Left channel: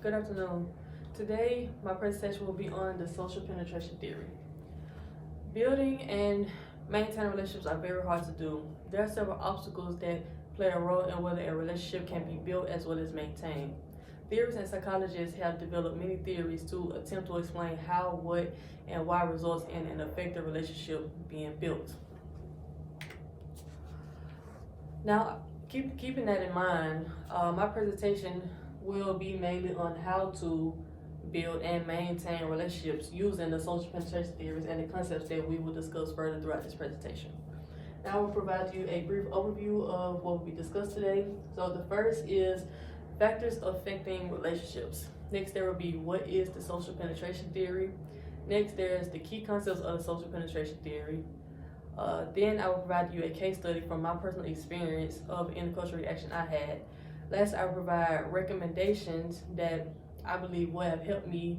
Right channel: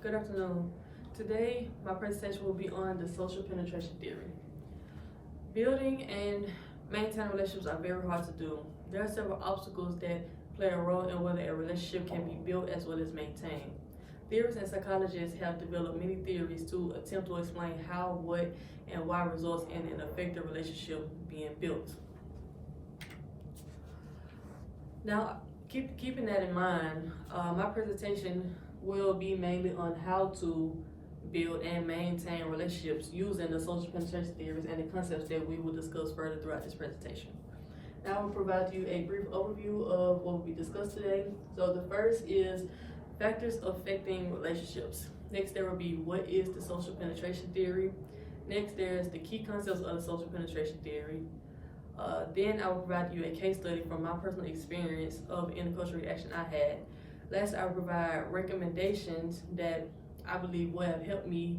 Good afternoon. Today, my presentation will be on the social penetration theory. Building and maintaining relationships are very hard to do. There are several obstacles that play a role in whether a relationship can be built as well as maintained. Theorists and psychologists have developed many theories to attempt to explain how, what, and why results in an effective relationship being built. Now, keeping that in mind, my presentation will be mainly on how to build and maintain relationships using the social penetration theories and the concepts that we will discuss further throughout this presentation. Now I will provide you a brief overview of what will be discussed today. So the first is factors affecting relationships. Next, there will be what is the social penetration theory. Next, there's the key concepts of the social penetration theory. Then I will provide you a case study from my personal experience of intercultural reaction I had. Last, I will provide recommendations that I believe will have helped me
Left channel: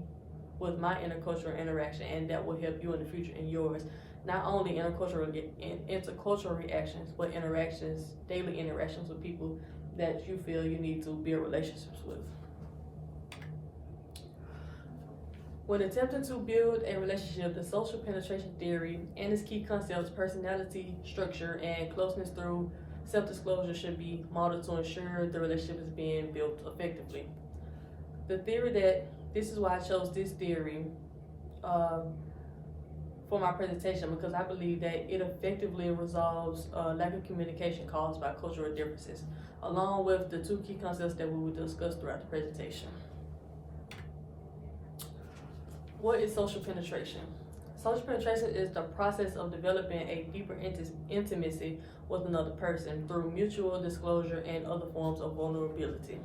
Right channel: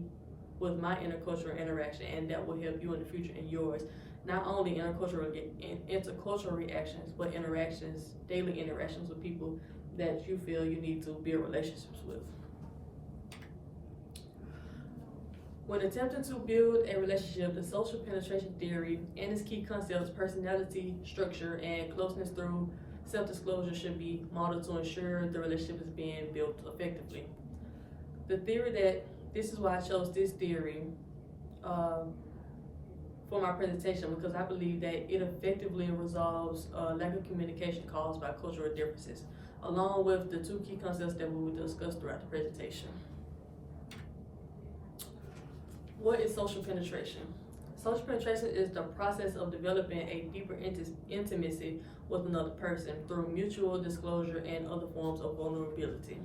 with my intercultural interaction and that will help you in the future in yours. Not only intercultural reactions, but interactions, daily interactions with people that you feel you need to build relationships with. When attempting to build a relationship, the social penetration theory and its key concepts, personality, structure, and closeness through self-disclosure should be modeled to ensure the relationship is being built effectively. The theory this is why I chose this theory for my presentation, because I believe that it effectively resolves lack of communication caused by cultural differences, along with the two key concepts that we will discuss throughout the presentation. What is social penetration? Social penetration is the process of developing a deeper intimacy with another person through mutual disclosure and other forms of vulnerability.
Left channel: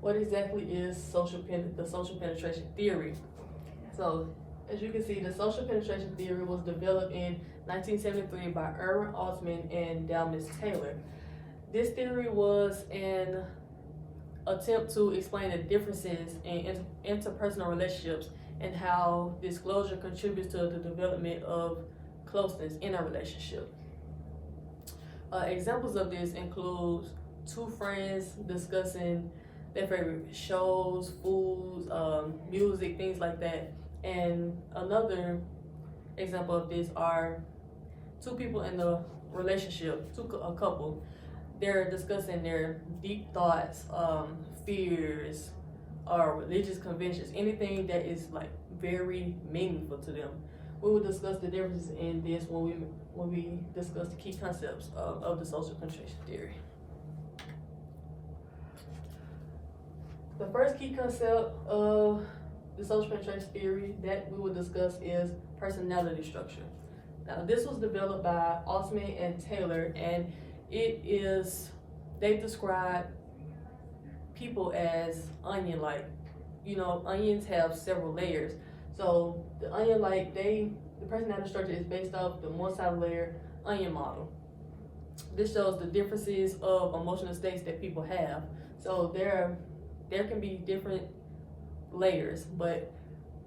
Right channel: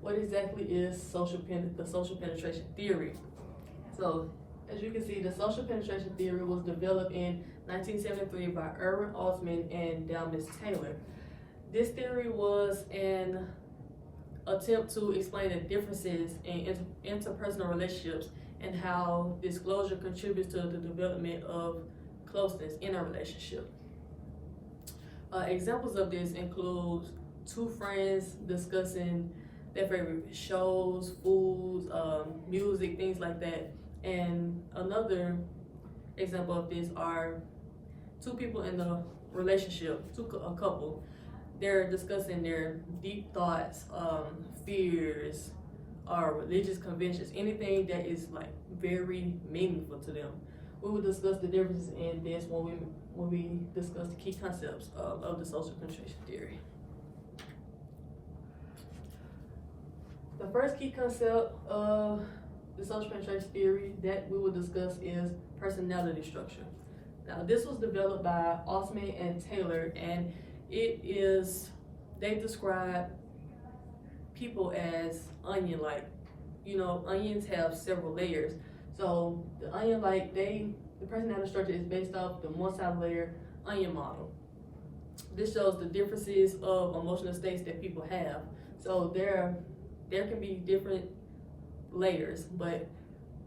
What exactly is the social penetration theory? So, as you can see, the social penetration theory was developed in 1973 by Erwin Altman and Dalmas Taylor. This theory was an attempt to explain the differences in interpersonal relationships and how disclosure contributes to the development of closeness in a relationship. Examples of this include two friends discussing their favorite shows, foods, music, things like that. And another example of this are two people in a relationship, a couple. They're discussing their deep thoughts, fears, religious convictions, anything that is like very meaningful to them. We will discuss the differences in this when we discuss the key concepts of the social penetration theory. The first key concept of the social penetration theory that we will discuss is personality structure. Now, this was developed by Altman and Taylor, and they describe people as onion-like. You know, onions have several layers. So the onion-like, the personality structure is based off the multi-layer onion model. This shows the differences of emotional states that people have. So there can be different layers, but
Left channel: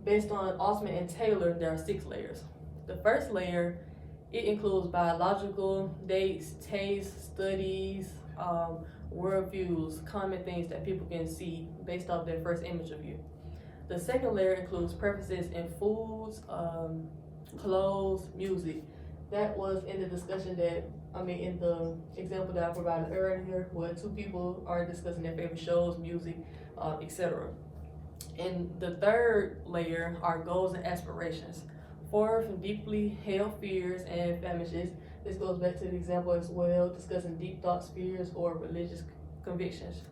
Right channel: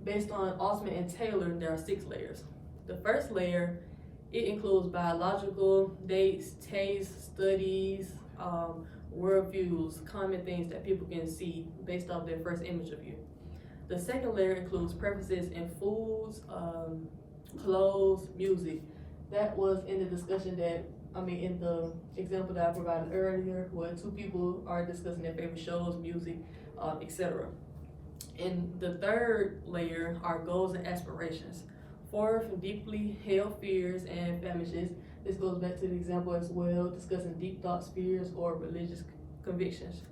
based on Altman and Taylor, there are 6 layers. The first layer, it includes biological, dates, tastes, studies, worldviews, common things that people can see based off their first image of you. The second layer includes preferences in foods, clothes, music. That was in the discussion in the example that I provided earlier, where two people are discussing their favorite shows, music, etc. And the third layer are goals and aspirations. Fourth, deeply held fears and famishes. This goes back to the example as well, discussing deep thoughts, fears, or religious convictions.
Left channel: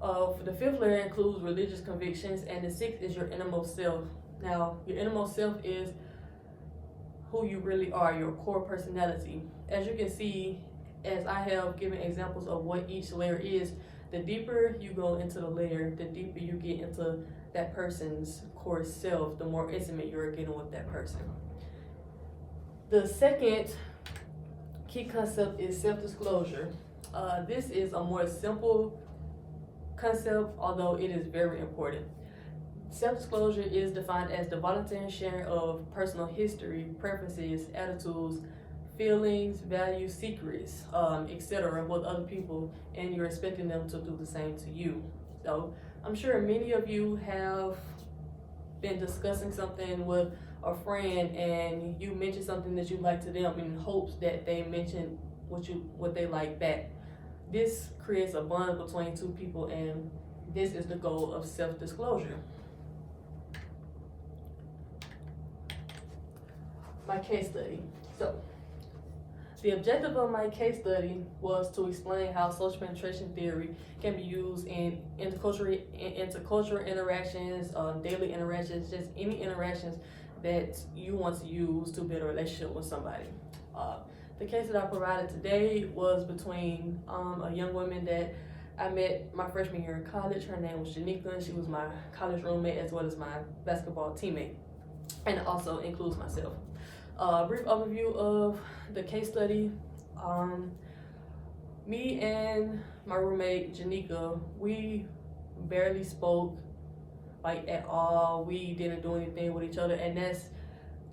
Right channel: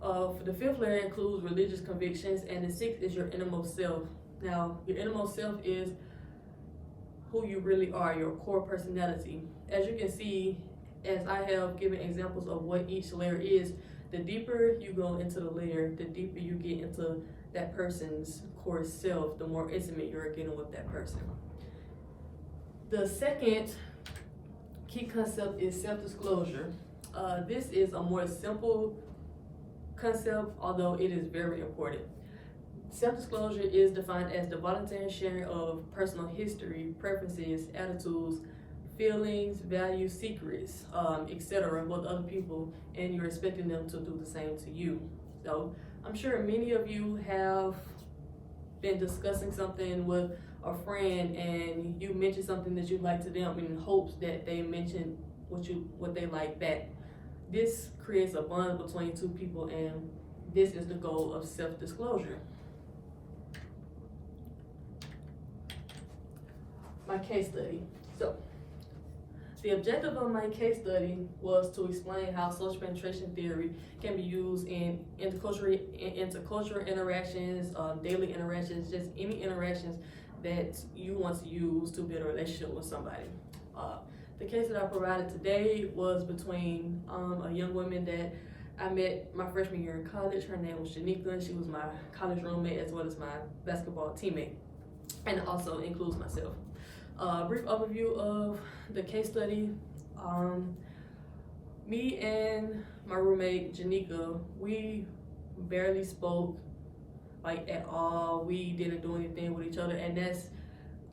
The fifth layer includes religious convictions, and the sixth is your innermost self. Now, your innermost self is who you really are, your core personality. As you can see, as I have given examples of what each layer is, the deeper you go into the layer, the deeper you get into that person's core self, the more intimate you're getting with that person. The second key concept is self-disclosure. This is a more simple concept, although it is very important. Self-disclosure is defined as the voluntary sharing of personal history, preferences, attitudes, feelings, values, secrets, etc. with other people, and you're expecting them to do the same to you. So I'm sure many of you have been discussing something with a friend and you mention something that you like to them in hopes that they mention what they like back. This creates a bond between two people, and this is the goal of self-disclosure. My case study. So the objective of my case study was to explain how social penetration theory can be used in intercultural interactions, daily interactions, just any interactions that you want to use to build a relationship with somebody. The case that I provided today was between a young woman that I met my freshman year in college. Her name was Janika, and she was my college roommate as well as my basketball teammate, and it also includes myself. Brief overview of the case study. Me and my roommate Janika, we barely spoke like at all. We didn't do anything with each other, and that's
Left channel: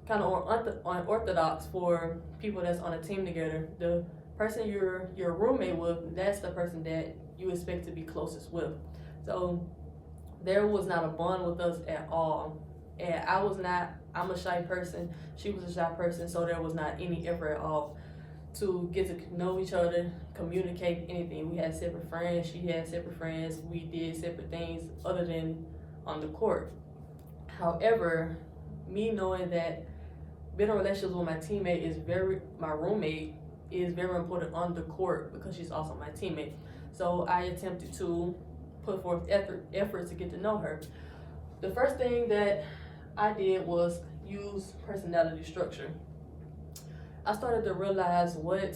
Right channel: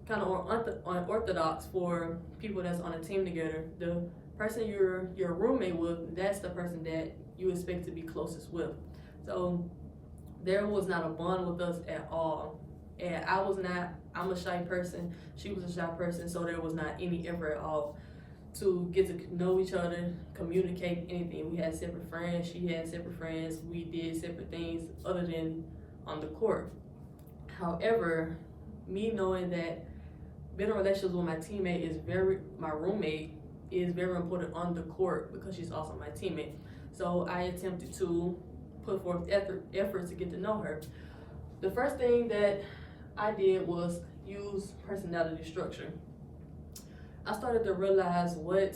kind of unorthodox for people that's on a team together. The person you're roommate with, that's the person that you expect to be closest with. So there was not a bond with us at all. And I'm a shy person, she was a shy person, so there was not any effort at all to get to know each other, communicate, anything. We had separate friends, she had separate friends, we did separate things other than on the court. However, me knowing that building relationships with my roommate is very important on the court because she's also my teammate. So I attempted to put forth effort to get to know her. The first thing that I did was use personality structure. I started to realize what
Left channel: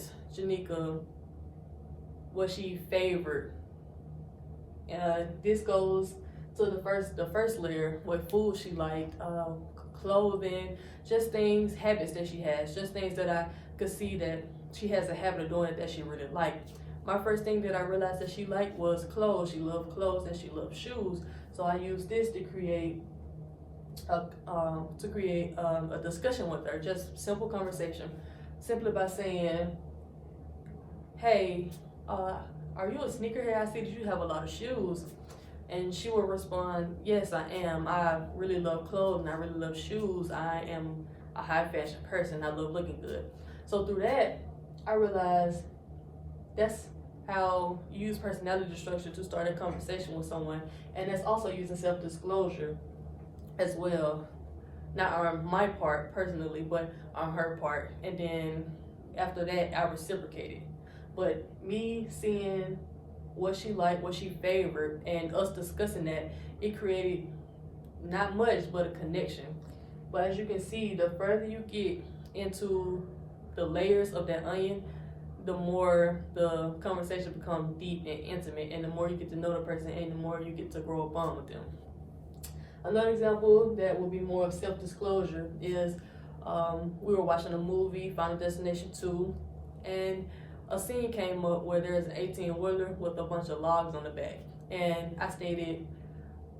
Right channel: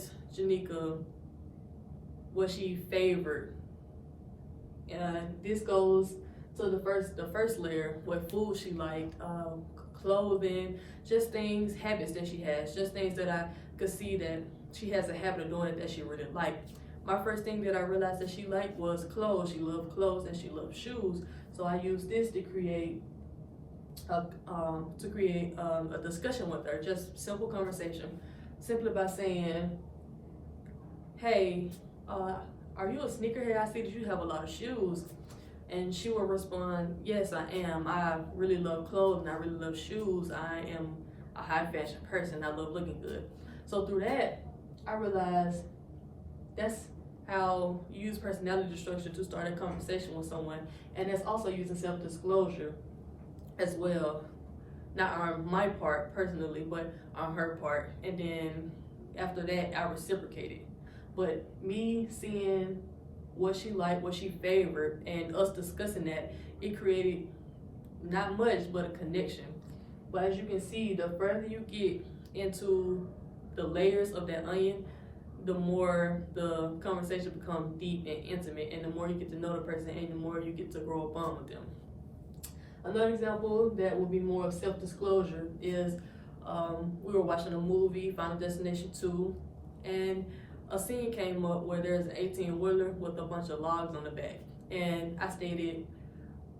she favored. This goes to the first layer, what food she liked, clothing, just things, habits that she has, just things that I could see that she has a habit of doing that she really liked. My first thing that I realized that she liked was clothes. She loved clothes and she loved shoes. So I used this to create a discussion with her, just simple conversation, simply by saying, hey, are you a sneakerhead? I see that you have a lot of shoes. And she will respond, yes, I am. I really love clothes and I really love shoes. I am a high fashion person. I love looking good. So through that, I realized that's how you use personality structure to start a conversation with someone. And it's also using self-disclosure as well. Not on my part personally, but on her part. And then after that, I reciprocated. But me seeing what she liked, what she favored, and us discussing that, it created not much, but a connection. But as you can see, the further you get into the layers of that onion, the more the conversation becomes deep and intimate, and the more you get to know the person, and the more you get to grow a bond with them. Another example that would be more of self-disclosure is we were watching a movie, Final Destination 2, and a scene came up where there's an 18-wheeler with a bunch of logs on the back. And I stated,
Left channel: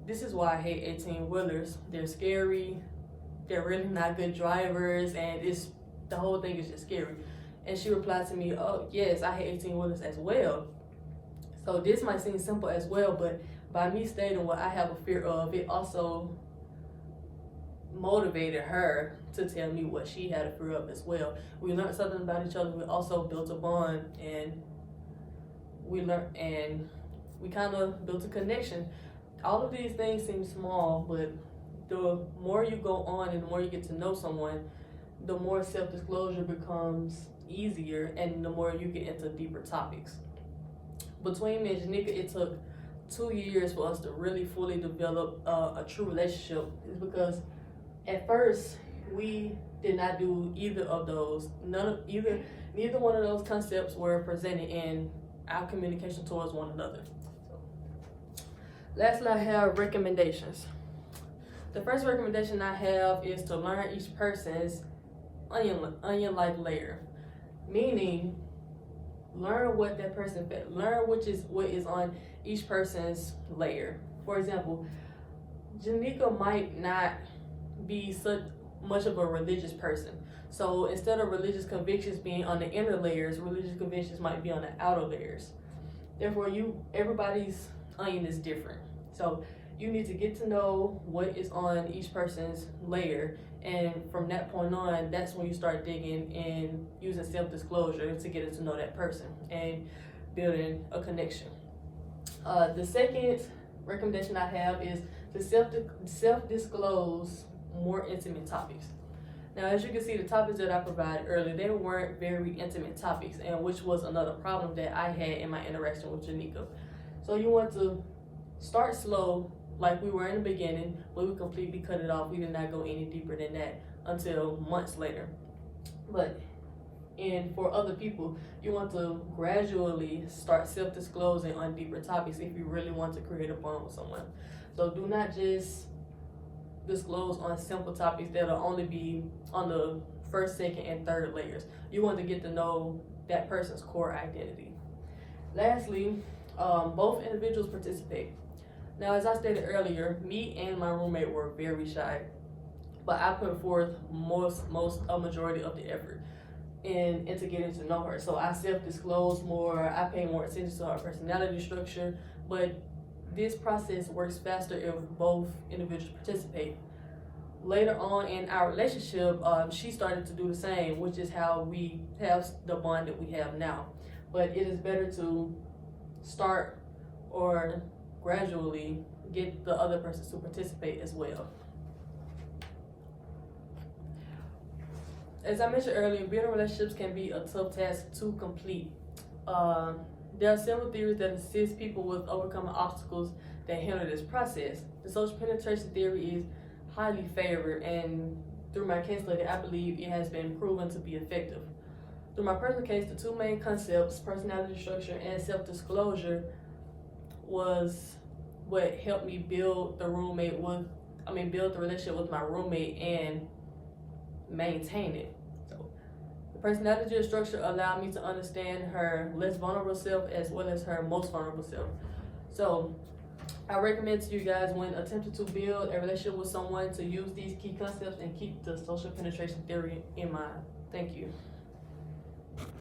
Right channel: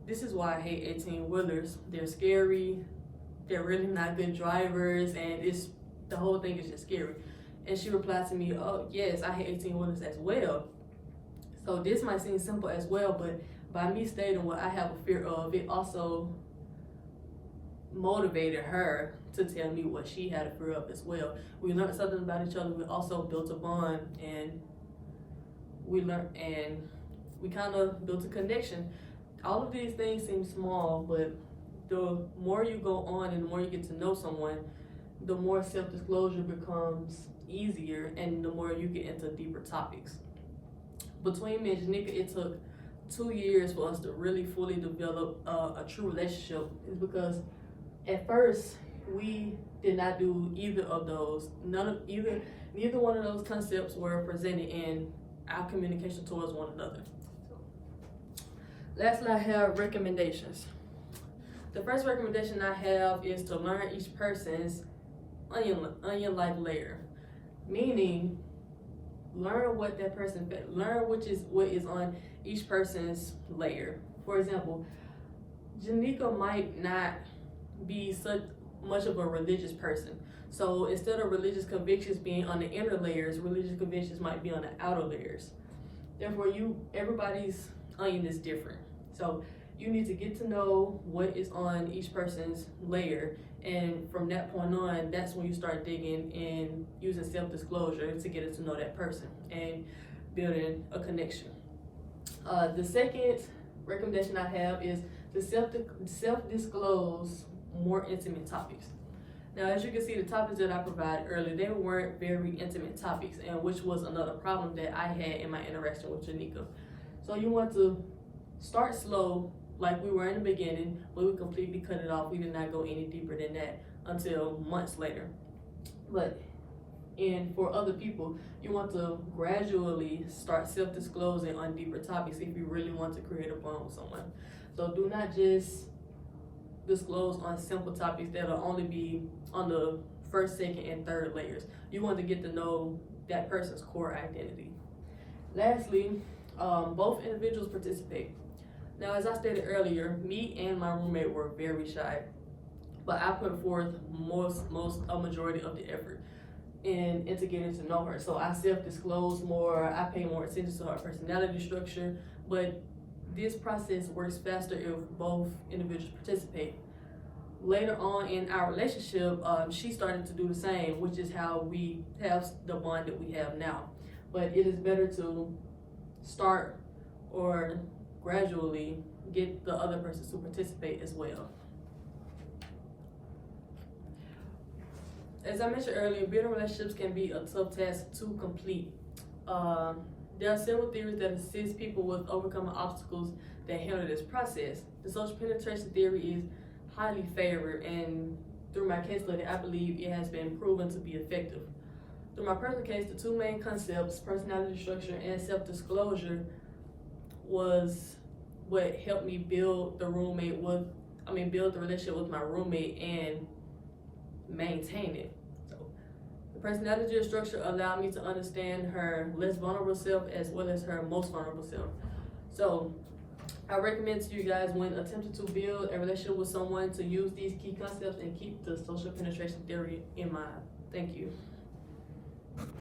this is why I hate 18-wheelers. They're scary, they're really not good drivers, and the whole thing is just scary. And she replied to me, oh yes, I hate 18-wheelers as well. So this might seem simple as well, but by me stating what I have a fear of, it also motivated her to tell me what she had a fear of as well. We learned something about each other. We also built a bond, and we kind of built a connection. All of these things seem small, but the more you go on and the more you get to know someone, the more self-disclosure becomes easier, and the more you get into deeper topics. Between me and Janika, it took 2 years for us to really fully develop a true relationship. It's because at first we did not do either of those. Neither one of those concepts were presented in our communication towards one another. So, lastly, I have recommendations. The first recommendation I have is to learn each person's onion-like layer, meaning learn what that person learn what is on each person's layer. For example, Janika might not be such much of a religious person, So instead of religious convictions being on the inner layers, religious convictions might be on the outer layers. Therefore, everybody's onion is different. So you need to get to know what is on each person's layer, and from that point on, that's when you start digging and using self-disclosure to get to know that person and building a connection. The second recommendation I have is to self-disclose more intimate topics. Now, as you can see, the topics that I provided earlier, they weren't very intimate topics, and which was another problem that I had in my interaction with Janika. So you want to start slow, like we were in the beginning, but we completely cut it off. We did not go any deeper than that until months later. But for other people, you want to gradually start self-disclosing on deeper topics if you really want to create a bond with someone. So do not just disclose on simple topics that'll only be on the first, second, and third layers. You want to get to know that person's core identity. Lastly, both individuals participate. Now, as I stated earlier, me and my roommate were very shy, but I put forth a majority of the effort into getting to know her. So I self-disclose more, I pay more attention to her personality structure, but this process works faster if both individuals participate. Later on in our relationship, she started to do the same, which is how we have the bond that we have now. But it is better to start or gradually get the other person to participate as well. As I mentioned earlier, building relationships can be a tough task to complete. There are several theories that assist people with overcoming obstacles that hinder this process. The social penetration theory is highly favored, and through my case study, I believe it has been proven to be effective. Through my personal case, the two main concepts, personality structure and self-disclosure, was what helped me build the relationship with my roommate and maintain it. So the personality structure allowed me to understand her less vulnerable self as well as her most vulnerable self. So I recommend to you guys, when attempting to build a relationship with someone, to use these key concepts and keep the social penetration theory in mind. Thank you.